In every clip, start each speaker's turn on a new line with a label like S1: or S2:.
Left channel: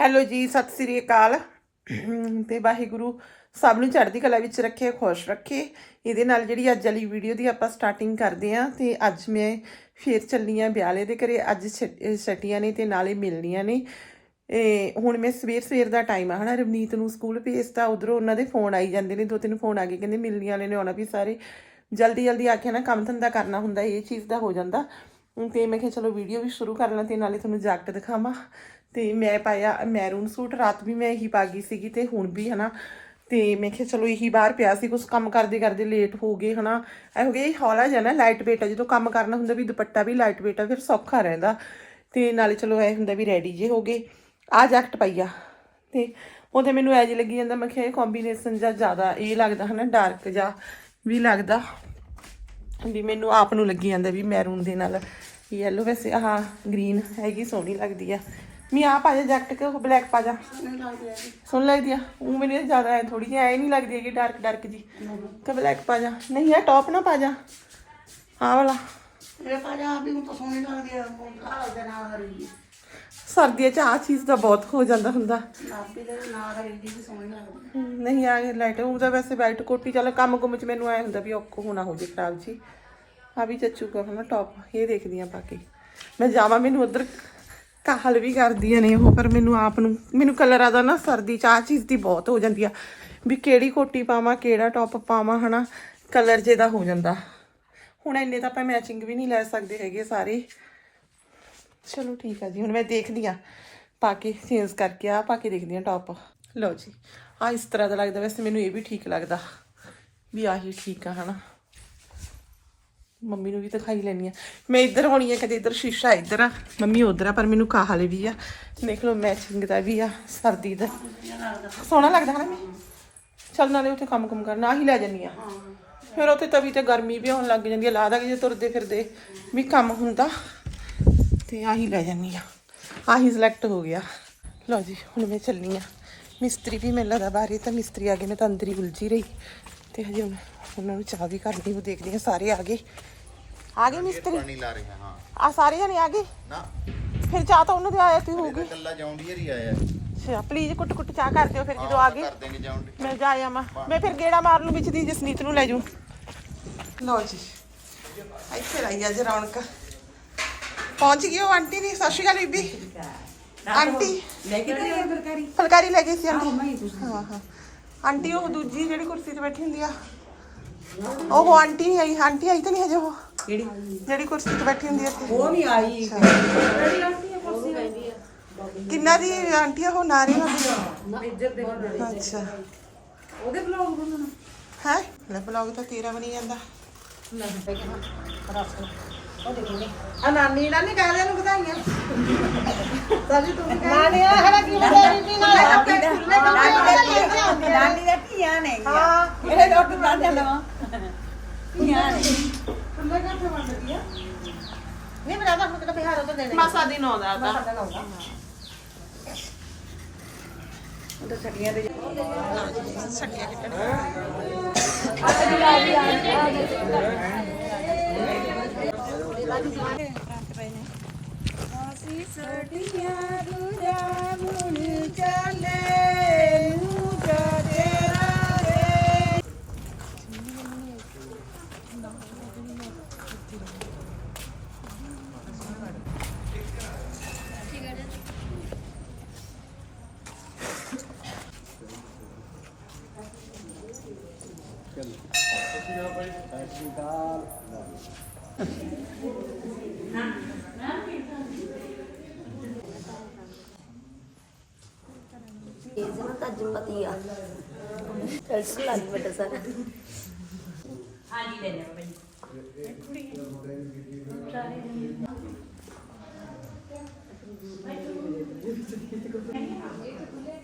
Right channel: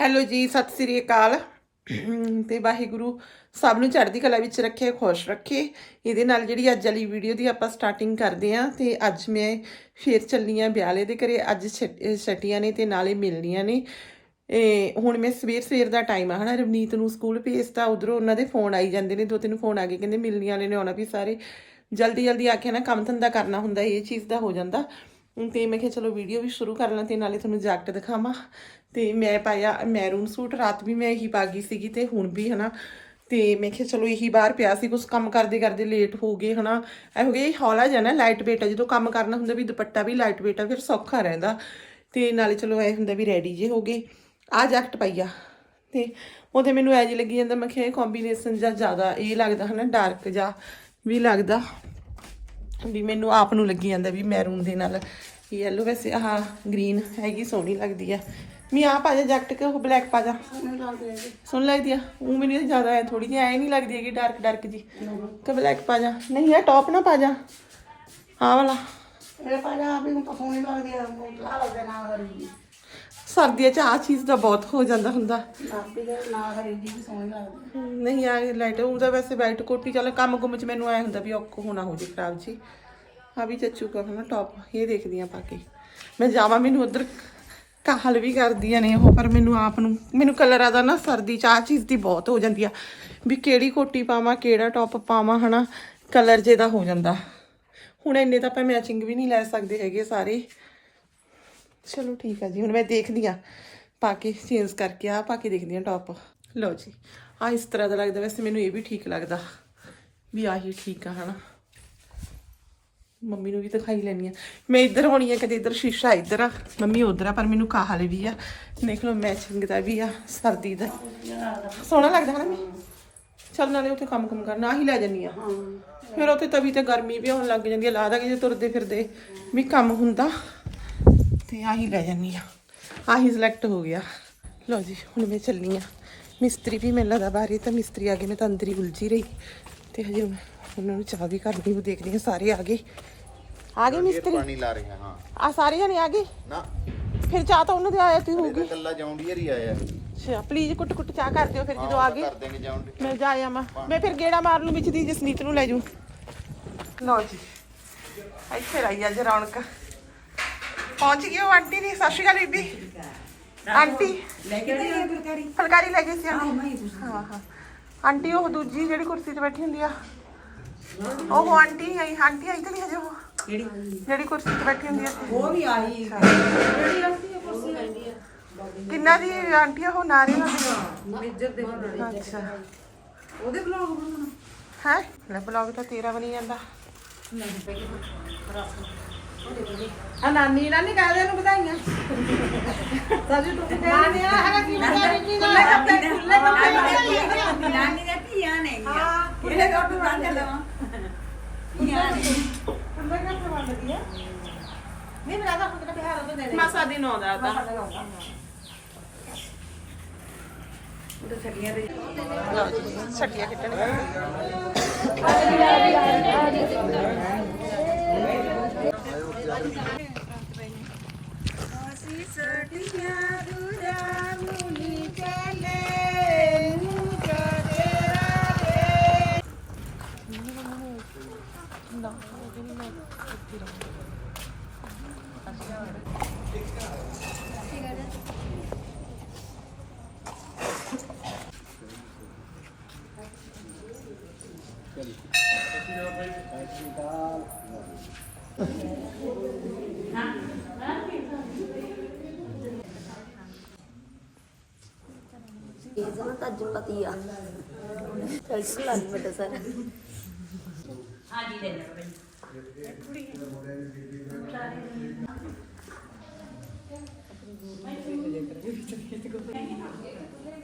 S1: Hello ਜੀ, ਸਤਿ ਸ੍ਰੀ ਅਕਾਲ। ਤੇ ਵਾਹਿਗੁਰੂ ਸਭ ਨੂੰ ਚੜ੍ਹਦੀ ਕਲਾ ਵਿੱਚ ਰੱਖੇ, ਖੁਸ਼ ਰੱਖੇ। ਇਹਦੇ ਨਾਲ ਜਿਹੜੀ ਅੱਜ ਵਾਲੀ ਵੀਡੀਓ ਦੀ ਆਪਾਂ ਸਟਾਰਟਿੰਗ ਕਰਦੇ ਆਂ ਤੇ ਅੱਜ ਮੈਂ ਫੇਰ ਚੱਲੀ ਆਂ ਵਿਆਲੇ ਦੇ ਘਰੇ। ਅੱਜ ਛ- ਅਹ ਛਟੀਆਂ ਨੇ ਤੇ ਨਾਲੇ ਮਿਲਣੀਆਂ ਨੇ। ਇਹ ਹੁਣ ਮੈਂ ਸਵੇਰ ਸਵੇਰ ਦਾ ਟਾਈਮ ਆ, ਹਨਾ? ਰਵਨੀਤ ਨੂੰ ਸਕੂਲ ਭੇਜਤਾ, ਉਧਰੋਂ ਉਹਨਾਂ ਦੇ ਫੋਨ ਆਈ ਜਾਂਦੇ ਨੇ, ਦੋ ਤਿੰਨ ਫੋਨ ਆ ਗਏ, ਕਹਿੰਦੇ ਮਿਲਣੀ ਵਾਲੇ ਨੇ, ਆਉਣਾ ਵੀ ਸਾਰੇ। ਜਲਦੀ ਜਲਦੀ ਆ ਕੇ ਨਾ ਕੰਮ ਧੰਦਾ ਕਰਨਾ ਹੁੰਦਾ, ਇਹ ਚੀਜ਼ ਦਾ ਹੋ ਜਾਂਦਾ। ਤੇ ਮੈਂ ਕਿਹਾ ਚਲੋ ਵੀਡੀਓ ਵੀ ਸ਼ੁਰੂ ਕਰ ਲਾਂ ਤੇ ਨਾਲੇ ਤੁਹਾਨੂੰ ਜੈਕਟ ਦਿਖਾਵਾਂ। ਤੇ ਮੈਂ ਪਾਇਆ ਮੈਰੂਨ ਸੂਟ, ਰਾਤ ਵੀ ਮੈਂ ਇਹੀ ਪਾ ਗਈ ਸੀਗੀ ਤੇ ਹੁਣ ਵੀ ਹਨਾ। ਤੇ ਮੈਂ ਕਿਹਾ ਚਲੋ ਇਹੀ ਬਾਹਰ ਪਿਆ ਸੀ ਕੁਝ ਕੰਮ ਕਰਦੇ ਕਰਦੇ ਲੇਟ ਹੋ ਗਏ ਹਨਾ। ਇਹ ਹੋ ਗਿਆ ਹੌਲਾ ਜਿਹਾ ਨਾ ਲਾਈਟ ਵੇਟ ਆ ਜਦੋਂ ਕੰਮ ਕਰਨਾ ਹੁੰਦਾ ਵੀ ਦੁਪੱਟਾ ਵੀ ਲਾਈਟ ਵੇਟ ਆ ਫਿਰ ਸੌਖਾ ਰਹਿੰਦਾ। ਤੇ ਨਾਲੇ ਚਲੋ ਇਹ ਹੁੰਦਾ ਵੀ ਰੈਡੀ ਜੇ ਹੋ ਗਏ। ਆ ਜੈਕਟ ਪਾਈਆ ਤੇ ਉਹਦੇ ਮੈਨੂੰ ਐਜ ਲੱਗੀ ਜਾਂਦਾ, ਮੈਂ ਕਿਹਾ ਇਹ ਕੰਬੀਨੇਸ਼ਨ ਜਾਂ ਜ਼ਿਆਦਾ, ਇਹ ਲੱਗਦਾ ਹਨਾ ਡਾਰਕ ਜਾਂ ਵੀ ਲੱਗਦਾ। ਵੀ ਮੈਨੂੰ ਆਪ ਨੂੰ ਲੱਗੀ ਜਾਂਦਾ ਵੀ ਮੈਰੂਨ ਦੇ ਨਾਲ। ਯੈਲੋ ਵੈਸੇ ਆਹ ਗ੍ਰੀਨ ਹੈਗੀ, ਸੋਹਣੀ ਲੱਗਦੀ ਆ। ਮੈਂ ਆ ਪਾ ਜਾ ਜੈਕਟ ਕਿ ਉਹ ਬਲੈਕ ਪਾ ਜਾ। ਸੋਹਣੀ ਲੱਗਦੀ ਆ ਉਹ ਮੈਨੂੰ ਇਹ ਜ਼ਿਆਦਾ ਥੋੜੀ ਜਿਹੀ ਐ ਨਹੀਂ ਲੱਗਦੀ ਹੈਗੀ ਡਾਰਕ ਡਾਰਕ ਜੀ। ਕਿ ਬਲੈਕ ਪਾ ਜਾ। ਨਹੀਂ ਇਹ ਟੌਪ ਨਾ ਪਾ ਜਾ। ਆਹ ਵਾਲਾ।
S2: ਇਹ ਪਾਜਾ ਵੀ ਹੁਣ ਤਾਂ ਸੋਹਣੀ ਲੱਗਦੀ ਆ ਆ ਲੱਗਦਾ ਨਾ ਕਰੀ
S1: ਸਰਦੀਆਂ 'ਚ ਆ ਚੀਜ਼ ਦਾ ਬਹੁਤ ਹੋ ਜਾਂਦਾ ਹੁੰਦਾ। ਨਹੀਂ ਆ ਲਾਈਟ ਉਹਦਾ ਵੈਸੇ ਵਾਈਟ ਕੋਟੀ ਚੱਲ ਕੰਮ ਗੁੰਮ ਚ ਮੈਨੂੰ ਐ ਹੁੰਦਾ ਵੀ ਔਖੋ ਹੋਣਾ ਹੋ ਜੇ ਖਰਾਬ ਜੀ। ਆ ਵੀ ਚੱਚੂਗਾ ਹਨਾ ਟੌਪ ਇਹ ਦੇਖਦੀ ਆ ਪਾ ਕੇ। ਮੈਂ ਜਾਵਾਂ ਮੈਨੂੰ ਉਧਰ ਕਾਹਲ ਵੀ ਕਰਦੀਆਂ ਨੇ ਉਹ, ਪਰ ਮੈਨੂੰ ਆਪ ਨੂੰ, ਮੈਨੂੰ ਕਲਰਾਂ ਦਾ ਨਾ ਸਰਦੀ ਚ ਆ ਚੀਜ਼ ਦੀ ਬਹੁਤ ਹੋ ਜਾਂਦੀ ਆ। ਵੀ ਕਿਹੜੀ ਕੋਟੀ ਪਾਵਾਂ, ਕਿਹੜਾ ਟੌਪ ਪਾਵਾਂ, ਹਨਾ? ਕਲਰ ਜੇ ਦਾ ਹੋ ਜਾਂਦਾ। ਹੁਣ ਇੰਨੇ ਤਾਂ ਆਪਾਂ ਮੈਚਿੰਗ ਵੀ ਨਹੀਂ ਲੈ ਸਕਦੇ ਹੈਗੇ ਸਾਰੇ। ਚਲੋ ਠੀਕ ਆ ਜੀ, ਹੁਣ ਮੈਂ ਦੇਖਦੀ ਆ। ਪਾ ਕੇ ਚੇਂਜ ਕਰਕੇ ਆ ਪਾ ਕੇ ਦੇਖਦੀ ਆ ਟੌਪ ਲਓ ਜੀ ਆ ਇਸ ਤਰ੍ਹਾਂ ਦਾ ਲੱਗਦਾ, ਵੈਸੇ ਮੈਨੂੰ ਇਹ ਵੀ ਠੀਕ ਲੱਗਦਾ ਵੀ ਆਹੀ ਠੀਕ ਆ, ਹਨਾ? ਮੰਮੀ ਨੂੰ ਵੀ ਦਿਖਾਈ ਲੈਣੀ ਆ। ਮੈਂ ਇੱਧਰ ਹੋਣੀ ਆ, ਕਦੇ ਇੱਧਰ ਸ਼ੀਸ਼ਾ ਇੱਧਰ ਆ, ਮੰਮੀ ਉਧਰ ਆ, ਪਰ ਮੈਨੂੰ ਕਾਹਲ ਵੀ ਆ। ਦੇਖ ਲਓ ਮੈਚਿੰਗ ਦਾ ਵੀ ਆ, ਸਰਦੀ ਦਾ। ਸੋਹਣਾ ਲੱਗਦਾ ਹਨਾ ਮੈਂ? ਚੱਲ ਨਾਲੇ ਉੱਥੇ ਕੰਮ ਕੰਮ ਕਰਨਾ ਆਹੀ ਲੈ ਜੰਨੀ ਆ। ਫਿਰ ਉੱਥੇ ਤਵੀ ਤੇ ਗਰਮੀ ਵੀ ਹੋਣ ਲੱਗ ਜਾਂਦੀ ਆ ਲਾਦਾ ਕਿ ਜੇ ਤੁਰਦੇ ਫਿਰਦੇ। ਵੀ ਕੰਮ ਹੁੰਦਾ, ਤੇ ਆਹੀ ਲੈ ਜਾਨੀ ਆ। ਆਹੀ ਸਿਲੈਕਟ ਹੋ ਗਿਆ। ਲਓ ਜੀ, ਹੁਣ ਮੈਂ ਚੱਲਨੀ ਆ। ਮਿਸਤਰੀ ਵੀ ਮੈਨੂੰ ਲੱਗਦਾ ਬਾਹਰ ਹੀ ਤਾਂ ਮਿਸਤਰੀ ਆ ਗਏ ਮੈਂ ਤਾਂ ਅੰਦਰ ਹੀ ਉਲਝੀ ਰਹੀ। ਤੇ ਹਜੇ ਉਹਨਾਂ ਨੂੰ ਚਾਹ ਵੀ ਕਰਨੀ, ਉਹ ਦੇਖਦੀ ਆ ਸਾਰੇ ਆ ਗਏ। ਆ ਗਏ ਮਿਸਤਰੀ।
S3: ਪਾਣੀ ਲਾ ਰਹੇ ਹਾਂ
S1: ਆ ਸਾਰੇ ਜਣੇ ਆ ਗਏ?
S3: ਨਾ।
S1: ਫਿਰ ਚਾਹ ਤਾਂ ਉਹਨਾਂ ਦੇ ਆਇਆ ਤੀ ਹੋਊਗੀ।
S3: ਕੱਲਾ ਜੌਂਡੀਅਰ ਹੀ ਆਇਆ।
S1: ਅੱਛਾ ਪਲੀਜ਼ ਕੁੱਟ ਕੁੱਟ ਚਾਹ ਕਰ ਦਿਓ ਫਿਰ ਜਦੋਂ ਆ ਗਏ।
S3: ਕਰ ਦੇਂਗੇ ਜੌਂਡੀ
S1: ਮੈਂ ਜਾ ਆਵਾਂ ਮੈਂ। ਫਿਰ ਗੇੜਾ ਮਾਰ ਲੂ ਵਿੱਚ ਦੀ ਜਸਨੀਤ ਨੂੰ ਲੈ ਜੂ ਲਓ ਜੀ। ਇੱਥੇ ਰਹੀ ਅੱਜ ਰੌਣਕ। ਪਹੁੰਚ ਗਈ ਉਹ ਆਂਟੀ ਨਹੀਂ ਸਤਿ ਸ਼੍ਰੀ ਅਕਾਲ ਬੀਬੀ। ਆਂਟੀ।
S2: ਲੈ ਕੇ ਗਈ ਫਰਕਾਰੀ
S1: ਫੁਲਕਾਰੀ? ਲੈ ਗਈ ਸੀ ਆਂਟੀ। ਹਾਂ ਹਾਂ। ਆਂਟੀ ਉਹ ਦੂਜੀ ਜਿਹੜੀ ਕੁਰਸੀ ਤੇ ਬੈਠੀ ਹੁੰਦੀ ਆ। ਉਹ ਆਂਟੀ ਨਹੀਂ ਆਈ। ਆਂਟੀ ਆਈ ਤਾਂ ਨਹੀਂ ਹਜੇ ਉਹ।
S2: ਜਿਹੜੀ
S1: ਜਿਹੜੀ ਕੁਰਸੀ ਤੇ ਬੈਠੀ ਹੁੰਦੀ ਆ।
S2: ਉਹ ਨਹੀਂ ਆਈ। ਜਿਹੜੀ ਆਂਟੀ ਆ ਕੁਰਸੀ? ਲੈਂਦੀ ਆ
S1: ਕਿੰਨਾ ਦੀ ਆਂਟੀ ਆ? ਉਹ ਨਾਰੀ ਹੁੰਦੀ
S2: ਮੇਜਰ ਦੇ
S1: ਅੱਛਾ।
S2: ਉਹਦੇ ਬਲੌਗ ਬਣਾਉਣਾ।
S1: ਹੈ? ਲੈ ਬਲੌਗ ਤਾਂ ਤੇਰਾ ਬਣੀ ਜਾਂਦਾ।
S2: ਆ ਨਾਨੀ ਨਾਨੀ ਕਾਹਦੇ ਨੂੰ ਵਧਾਈਆਂ। ਸਾਜੀ ਤੂੰ ਨਾਨੀ ਆ ਹਰਾ ਕੀ ਵਧਾਈ ਦੀ ਨਾਲ ਆਪਣੇ ਖੁੱਲੇ ਕੱਪੜੇ ਨਾਨੀ ਦੇ ਧੀਆਂ ਨੇ ਹਾਂ। ਇਹਨੇ ਰੋਟੀ ਬਣਾ ਦੇਣਾ ਧੀਆਂ ਨੇ। ਖੁੱਲੇ ਕੱਪੜੇ ਵੰਡਦੀ ਆ ਨਹੀਂ ਮੈਂ ਤਾਂ ਹੁਣ ਬਿਹਾਰ ਉਹ ਦੇਣੇ
S1: ਮਾਸਾ ਦੀ ਨੌ ਦਾ ਤਾਂ
S2: ਛੱਡੀਆਂ ਦੇ
S1: ਲਓ ਜੀ ਛੱਟੀਆਂ ਕਿੱਟਣ
S2: ਅਸੀਂ ਸੜੀਆਂ ਦੂਰਾ ਮੁਨੀ ਚਲੇ
S4: ਇਹਨੂੰ ਤਾਂ ਜੰਮਤੀ ਆ ਚਲ ਲੱਗ ਵੱਡਾ ਸਾਰਾ।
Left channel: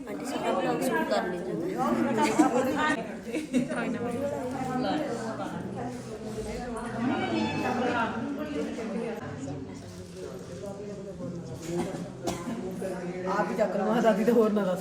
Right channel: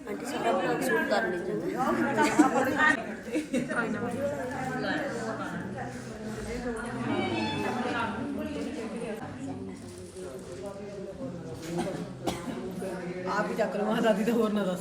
S4: ਆਂਟੀ ਸਾਡਾ ਬਲੌਗ ਸ਼ੂਟ ਕਰ ਲਈ ਜਾਂਦਾ
S2: ਆਪ ਹੀ ਚੱਕ ਲਵਾ, ਦਾਦੀ ਤਾਂ ਹੋਰ ਨਾ ਦੱਸ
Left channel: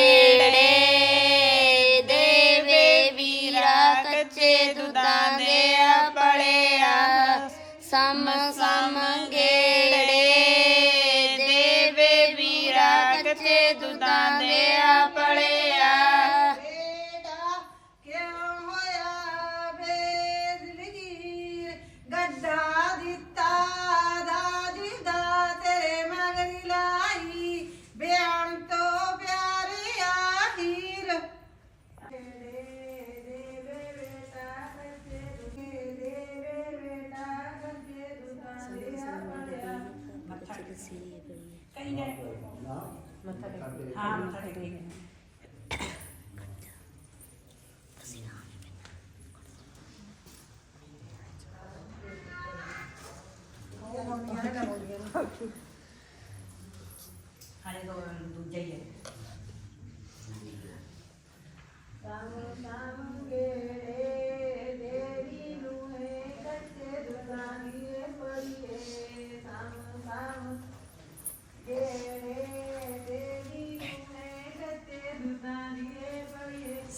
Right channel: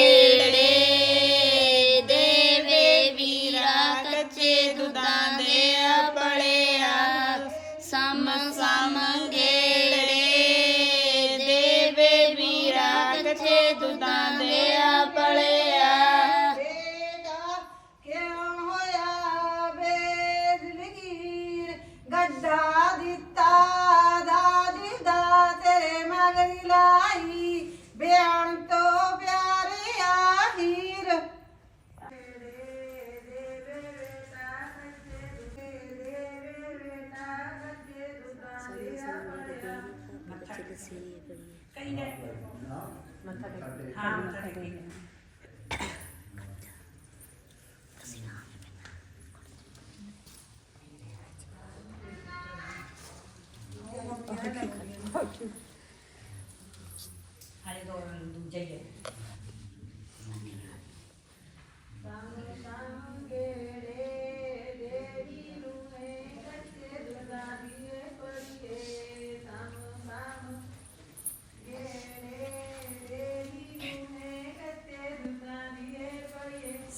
S2: መታገኝ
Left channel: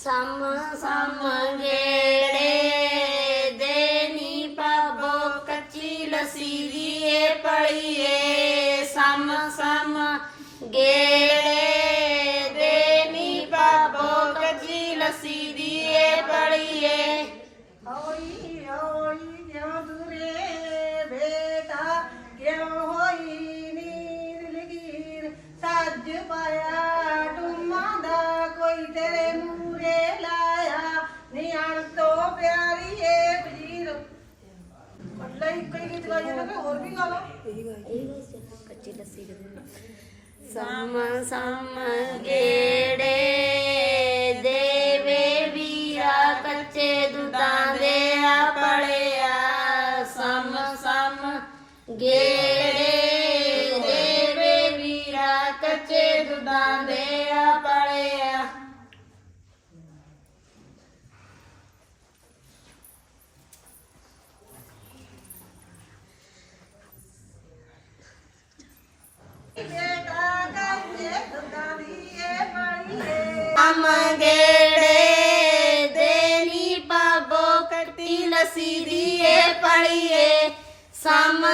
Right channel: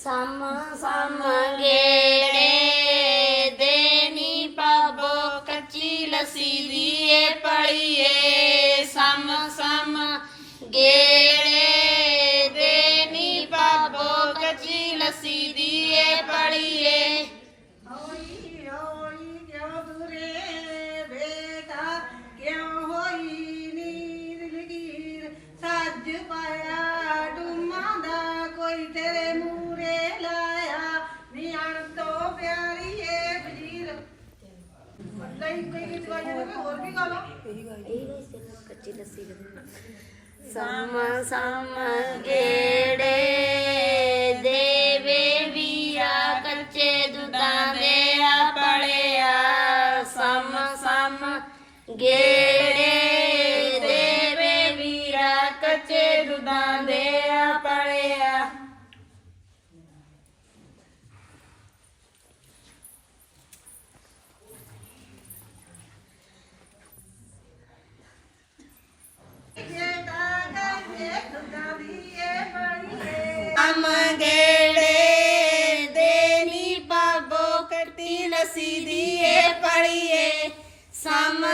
S5: ਸਮ ਸਮ ਗੇੜੇ ਦੇਨੀ ਪਾਬੋ ਕੱਚੀ ਲੱਸੀ ਦੀਏ ਪੜੀਏ ਸਮ ਸਮ ਗੇੜੇ
S6: ਤੋਂ ਵਜ਼ੀਰ ਅੱਲਾ ਹੀ ਕੋਈ ਗੀਤ ਗਾਇਆ ਨਾ ਕਿ ਹੋਰ ਵੀ ਗਾ ਲਓ।
S5: ਕੱਚੀ ਲੱਸੀ ਸਮ ਸਮ ਗੇੜੇ
S6: ਏ
S5: ਅਮ ਗੇੜੇ ਦੇਨੀ ਪਾਬੋ ਕੱਟੀ ਲੱਸੀ ਦੀਏ ਪੜੀਏ ਸਮ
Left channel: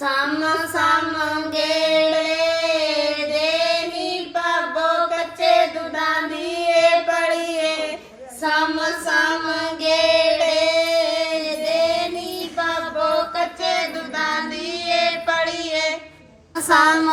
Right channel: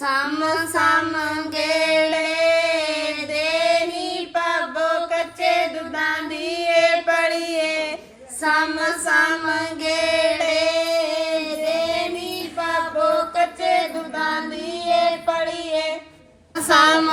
S5: ਸਮ ਸਮ ਗੇੜੇ ਦੇਨੀ ਪਾਬੋ ਕੱਚੇ ਦੁੱਧਾਂ ਦੀਏ ਪੜੀਏ। ਸਮ ਸਮ ਗੇੜੇ ਦੇਨੀ ਪਾਬੋ ਕੱਚੇ ਦੁੱਧਾਂ ਦੀਏ ਪੜੀਏ। ਸਮ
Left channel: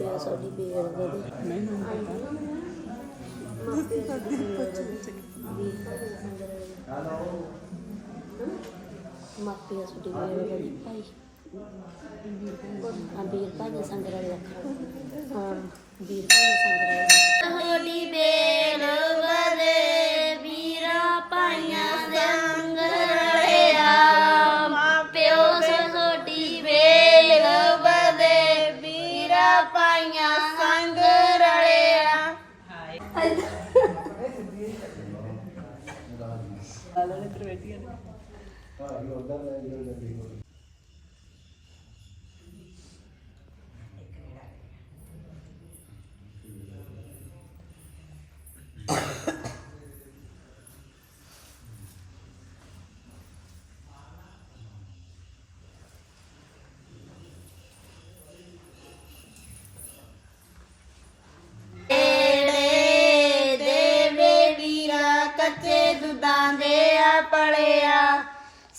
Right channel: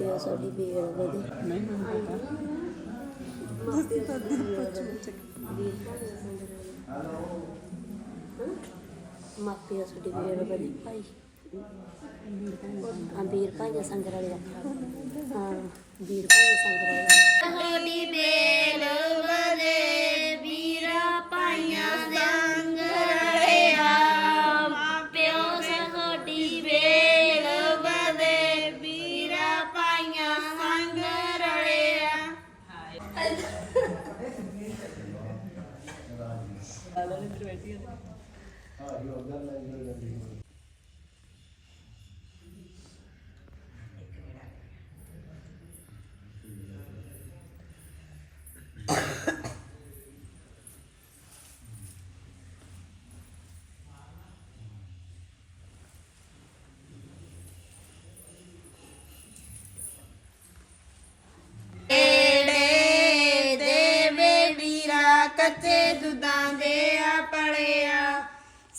S4: ਮਾਪਿਆ ਸਾਡੀ ਬੇਰ ਵਧੀ ਨਹੀਂ ਹੁੰਦਾ ਮਾਪਿਆ ਸਾਡੀ ਬੇਰ ਵਧੀ ਵੀਰ ਭਾਜੀ ਸੰਗਰ ਮਾਪਿਆ ਸਾਡੀ ਵਧੀ ਭਾਈ। ਵੀਰ ਭਾਜੀ ਸੰਗਰ ਵਾਲੇ ਅੱਖਾਂ ਹਾਂ ਵੀਰ ਭਾਜੀ ਸੰਗਰ ਵਾਲੇ
S5: ਹੋਲੀ ਬੇਲ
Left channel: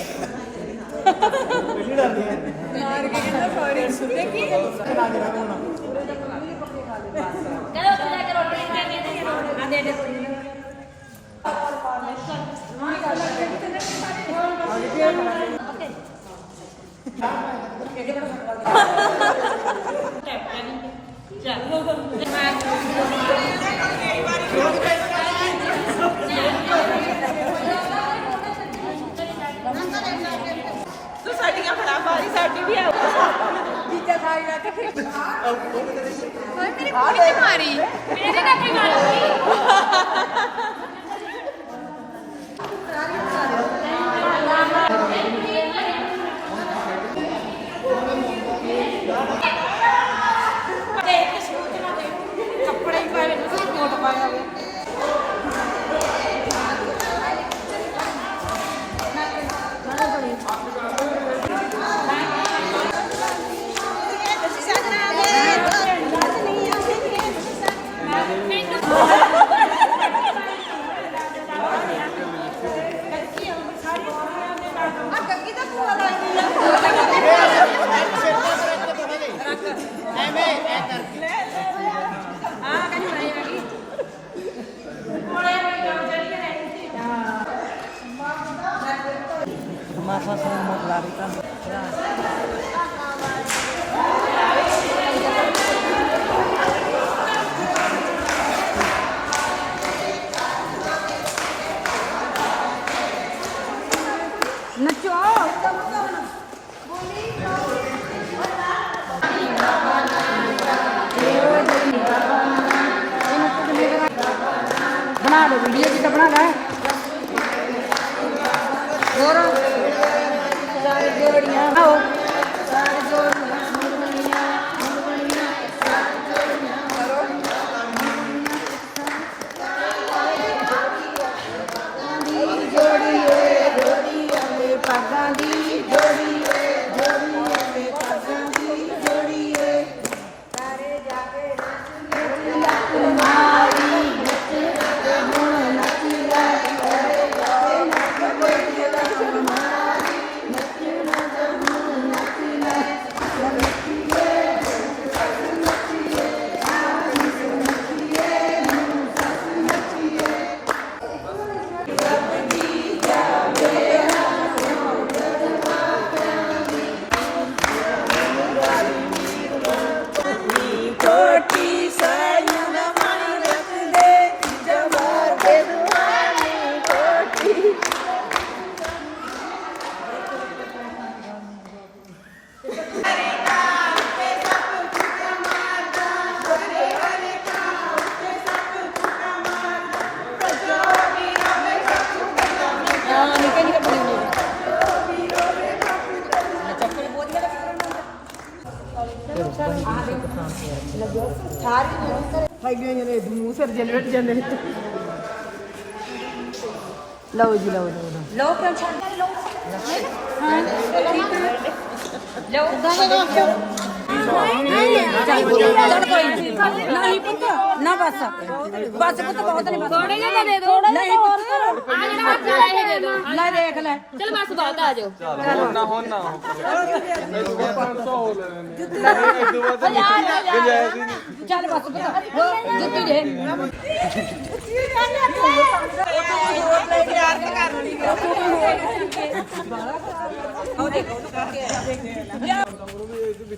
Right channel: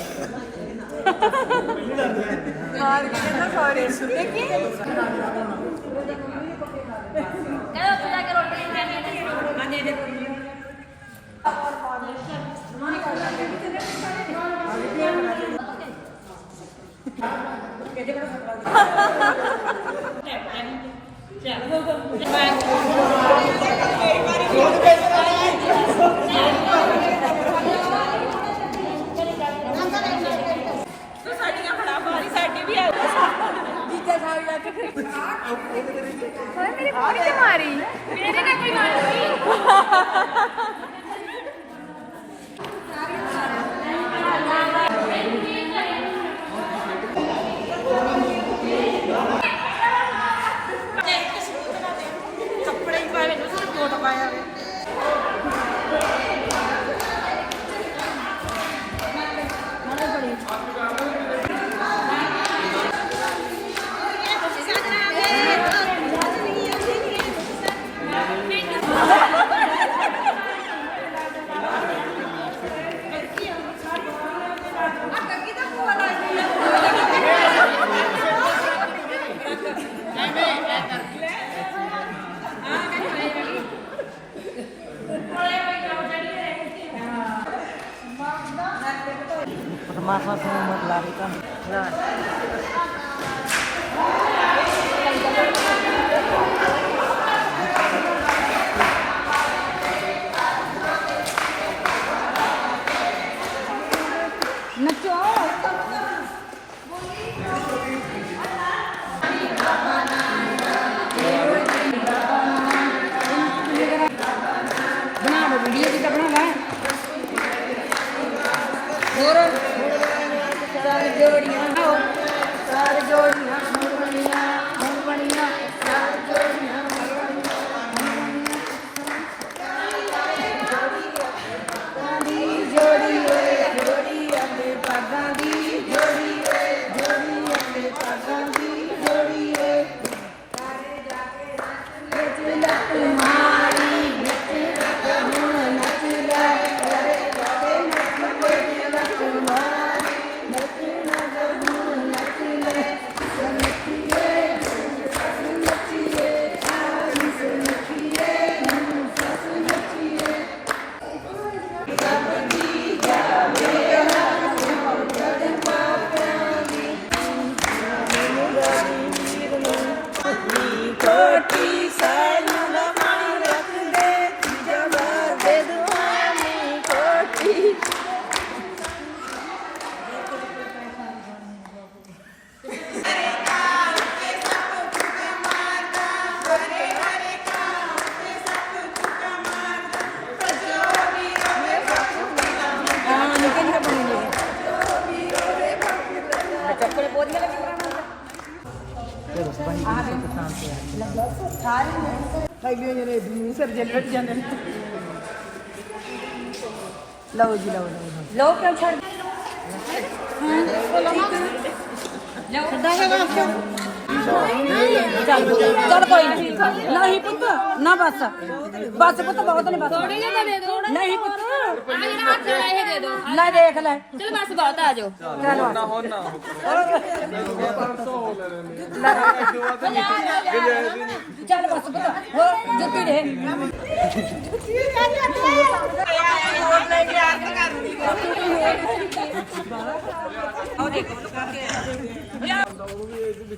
S6: ਸਾਡੀਆਂ ਫੜਾ ਮਾਰੀ ਸਾਡੀ ਵੀ ਆ Thank you. Gracias,
S1: ਹੈਗੀਆਂ ਨੇ ਮੂੰਹ ਸਿਰ ਜਨਰੇਟ ਜਾਂਦੇ ਲਓ ਜੀ ਲਓ ਲਓ
S6: ਲੋ ਪ੍ਰੈਸ਼ਰ ਹਾਂ ਠੀਕ ਹੈ ਲੋ ਕਿਦਾਂ ਦਾ ਕੋਈ ਨਹੀਂ ਨਹੀਂ ਪੁੱਤ ਨਾ ਬਸ। ਬਸ ਪੁੱਤ ਬਹੁਤ ਨਹੀਂ ਬਸ। ਥੋੜੇ ਜਿਹਾ ਦੇ ਦੋ ਨਹੀਂ ਪੁੱਤ ਦੇ। ਦੋ ਲੈ ਦੇਖ ਲੈ। ਚਲ ਬਸ ਬਹੁਤ ਆ ਜਾਓ ਚੱਲ। ਬਸ ਪੁੱਤ ਹੋਰ ਜੁੱਤੀ ਦੇ।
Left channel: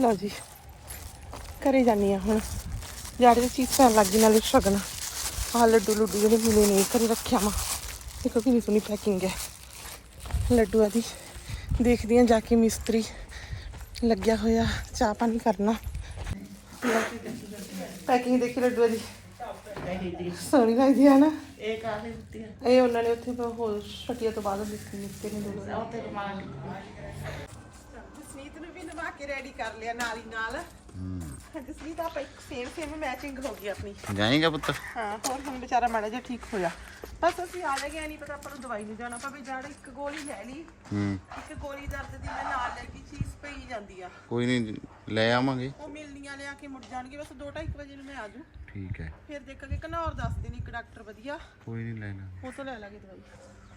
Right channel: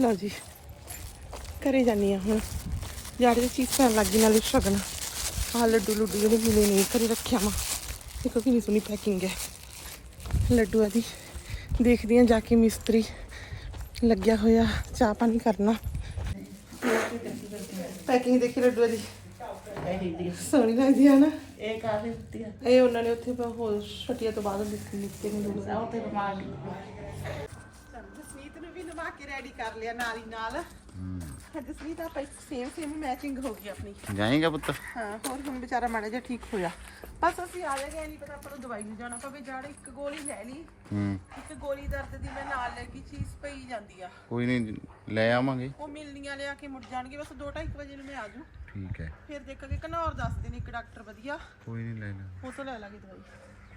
S1: ਲਓ ਜੀ, ਘਰੇ ਜਾਨੀ ਆ ਹੁਣ। ਜਾੜੇ ਦੀ ਚੀਜ਼ ਪੈਣ ਲੱਗੀ ਨਾਲੇ ਸ਼ਗਨ। ਆ ਲੱਡੂ ਲੁੱਡੂ ਜਿਹੜੇ ਮਿਲੇ ਨੇ, ਘਰੇ ਰੱਖਿਆ ਮਾ ਦੇਖੋ ਕਿੰਨੀ ਸੋਹਣੀ ਪੈਕਿੰਗ ਹੈ। ਲੱਡੂਆਂ ਦੀ ਦੇਖਦੀ ਆ ਜਾ ਕੇ ਮਿਸਤਰੀ ਲੱਗਿਆ ਹੋਇਆ, ਚਾਹ ਪਾਣੀ ਕਰਨਾ। ਪੈਕਿੰਗ ਦੇਖੀ ਲੱਡੂਆਂ ਦੀ ਸੋਹਣੀ ਲੱਗਦੀ ਆ ਨਾ।
S4: ਇਹ ਕਾਫੀ ਦਿੱਤੀ
S1: ਇਹ ਉਹਨਾਂ ਨੇ ਉੱਥੇ ਹੋਰ ਛਟੀਆਂ ਤੋਂ ਬਾਅਦ ਦਿੱਤੇ ਨਿੱਕੇ ਨੇ ਦੋ।
S4: ਤੇ ਕਮਾਲ
S1: ਜਸਨੀਤ ਨੂੰ ਵੀ ਨਵਾ ਕੇ ਰੈਡੀ ਕਰ ਲਿਆ ਨਾਲ ਹੀ ਨਾਲ। ਜਸਨੀਤ ਆਪਾਂ ਇੱਕ ਸੇਮ ਸੇਮ ਮੈਚਿੰਗ ਹੋ ਗਈ ਆਪਣੀ।
S3: ਜਾਏਗਾ ਪੁੱਤ।
S1: ਹਾਂ ਹੋਰ ਹੁਣ ਵਿਚਾਰਾ ਮਾੜਾ ਜਿਹਾ ਠੀਕ ਹੋਇਆ। ਬਸ ਅਸੀਂ ਆ ਜਾਗੇ ਨਹੀਂ ਪਤਾ ਆਪਾਂ ਨੂੰ ਦਵਾਈ ਨੂੰ ਜਾਣਾ ਪਵੇ ਜੜ ਇੱਕ ਗੋਲੀ ਲੈ ਲਈ
S3: ਹੂੰ।
S1: ਇੱਕ ਗੋਲੀ ਦਰਦ ਦੀ ਮੈਂ ਨਾਲ ਲੈ ਗਈ ਚੀਜ਼ ਪਈ ਜਾਂਦੀ ਆ।
S3: ਕੋਈ ਨਹੀਂ ਲੈ ਆਵਾਂਗੇ।
S1: ਉਹ ਮਿਲਨੀਆਂ ਲਿਆ ਕੇ ਮੁੜ ਜਾਣਗੇ ਬਸ 2:30 ਵਜੇ ਨੂੰ ਮੈਂ ਆ ਜੂ
S3: ਠੀਕ ਹੈ।
S1: ਫਿਰ ਦੇਖਾਂਗੇ ਘਨੌਰ ਦੱਸਦੇ ਨੇ ਇੱਕ ਡਾਕਟਰ ਵਧੀਆ।
S3: ਕੋਈ ਨਹੀਂ ਲੈ ਲਾ।
S1: ਉਹ ਤੋਂ ਲੈ ਲਾਂਗੇ ਦਵਾਈ।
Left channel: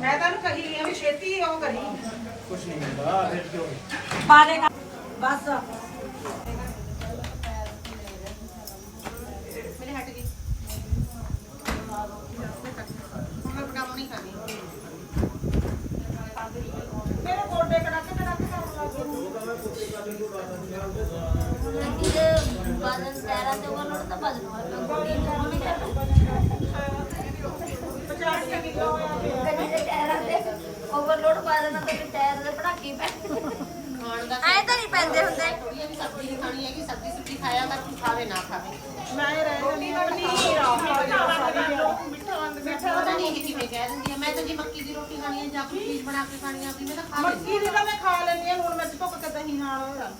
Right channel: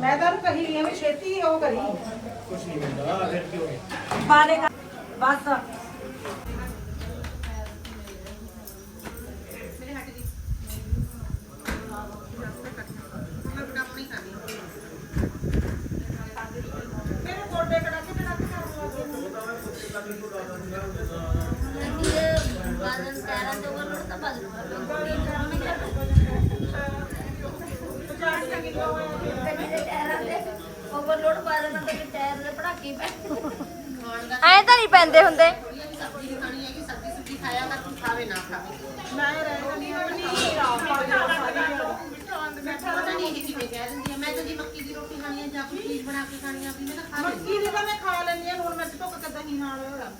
S1: ਮੈਂ ਤੁਹਾਨੂੰ ਕਹੀ ਰਹੀ ਆ ਵੀ ਛੇਤੀ ਉਹ ਕਰੀ।
S6: ਪਾ ਦੇ ਬਸ।
S5: ਲੋਡ ਤਾਂ ਨਹੀਂ ਪੈਂਦੇ ਹੁੰਦੇ।
S1: ਮੈਂ
S4: ਤਾਂ ਜੀ ਮੱਕੀ ਦੀ ਰੋਟੀ ਖਾਣੀ ਆ
S7: ਜਾਂ ਕੋਈ ਬਣਾ ਕੇ ਖਾਣੀ ਹੈ ਵੀ ਮੈਂ ਤਾਂ ਖਾ ਲੈਂਦੀ ਹਾਂ। ਮੱਕੀ ਦੀ ਤਾਂ ਮੈਂ ਖਾ ਲੈਂਦੀ ਹਾਂ ਹੁਣ ਮੈਂ ਧੁੱਕ ਕੇ ਦਹੀਂ ਨਾਲ।